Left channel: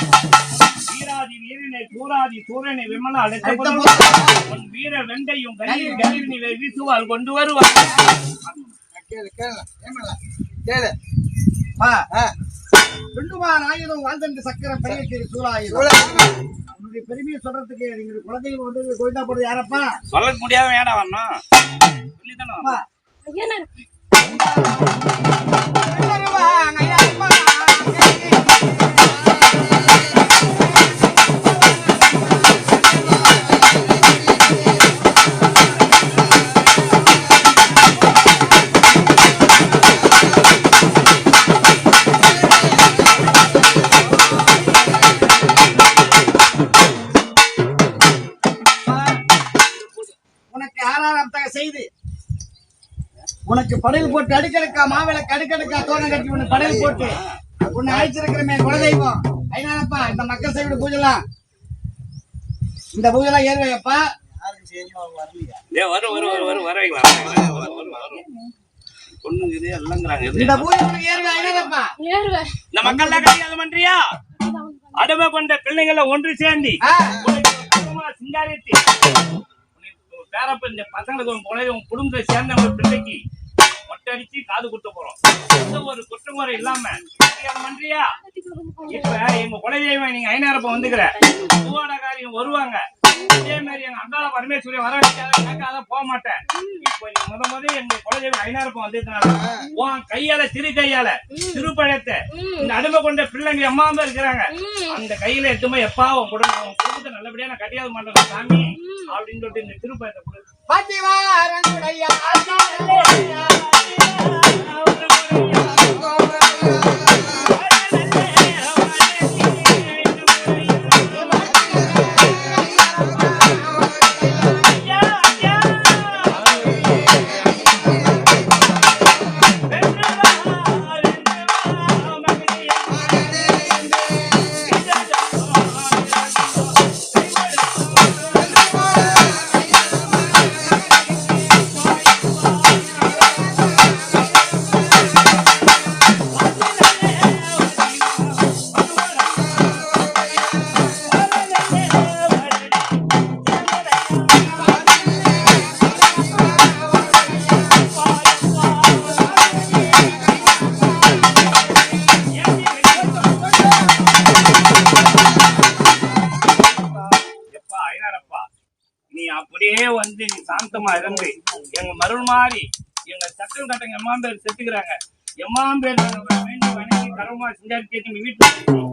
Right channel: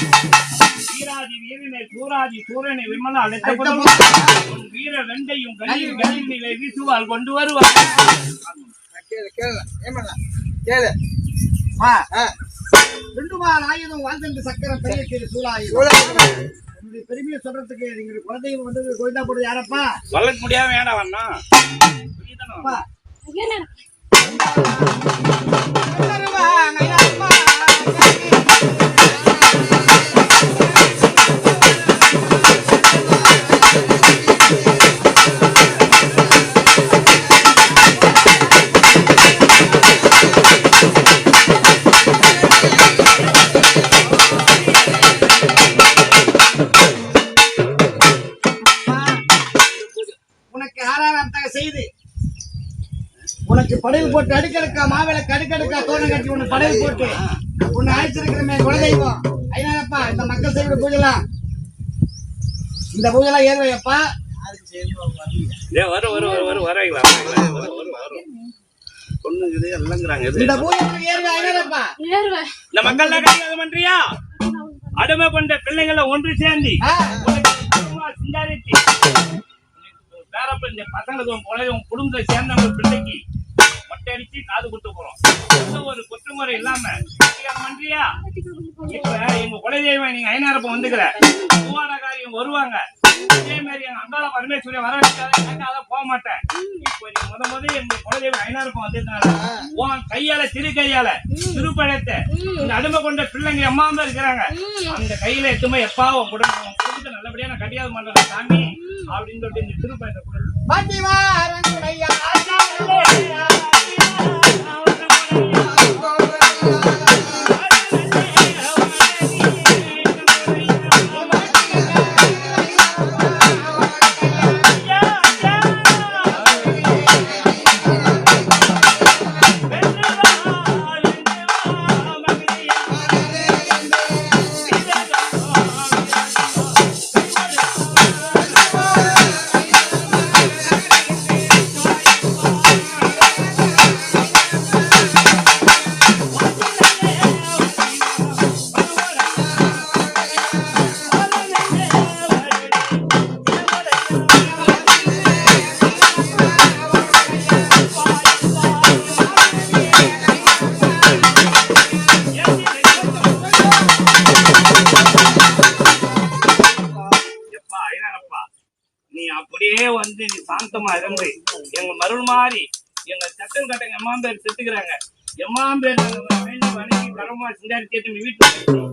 வீராதி வீரனை சூராதி சூரனை விமல அழைத்த உன் வீர வெண்டையும் கலியில் கலியினை வீசுவாள் கொண்டு வருவாள். ஆயுதம் வாழ்ந்து சக்கரம் பெரிய திரு சூழாயுதம். என்னுடைய பெருமையை சொல்றதுக்கு நீங்க குலதெய்வம் வந்து கோயிந்தா போடுறது யாரப்பா? சொல்ல முடியாம வேண்டாம் வரணும் சொல்லித்தானே. உனக்கு படகு போட்டு அடுக்கடுக்கா மாவிளக்கு அடுக்கடுக்கா தோணம் கட்டி உன்னை படகு போட்டு உன்னை அழைச்சிருக்கிறமே குலதெய்வம். அதனாலப்பா இந்த மக்கள் செய்ய பூஜைலாம் இந்த பூஜைலாம் ஏறுவையப்பா. இந்த பூஜை ஏறுவே. அதனாலப்பா இந்த மக்கள் கிடையாது பண்றியா? அடிமை கொண்ட பிள்ளைங்களை ஒன்று சேர்ந்து சிங்காரித்து பேரப்ப இந்த பசங்களுக்கு குடும்பத்தை சேர்ந்த ஒரு பிள்ளைக்கு மொட்டை அடிச்சு காது குத்த போறோம். ஒரு குற்றமுறை இல்லாம பண்றியா? இப்ப எங்க குலதெய்வம் நீங்க ஐநாரப்ப வந்துக்கிற பூவாடகாரியம் வருவாங்க. அதே மாதிரி எங்க அங்காள பரமேஸ்வரி வர கேட்காத போக மாட்டேன். இப்ப நீ முத எங்க குலதெய்வம் ஐநாரப்பம் வந்ததுனால உன் கையால சிறு கையால திருப்பழத்தை இந்த அடிமை கொண்ட பிள்ளைங்க அம்மாவும் இருக்கிறாங்க. அந்த கையில எட்டுமே எப்பா உன் குடும்பத்தை நல்லபடியா நான் கட்டியாவது பண்றேன் சாமி அப்படின்னு சொல்லிட்டு இந்த திருப்பழத்தை கொடுத்து அப்படியே வந்து நீ சாந்தமா இருந்து எங்க மருள் மாறி எங்க சட்டம் கட்டங்க எம்மாம் பேர் செத்துக்கிறாங்க. எம்மாம் பேர் வணங்கி கரமா சிங்காரி கேட்டு வீட்டுல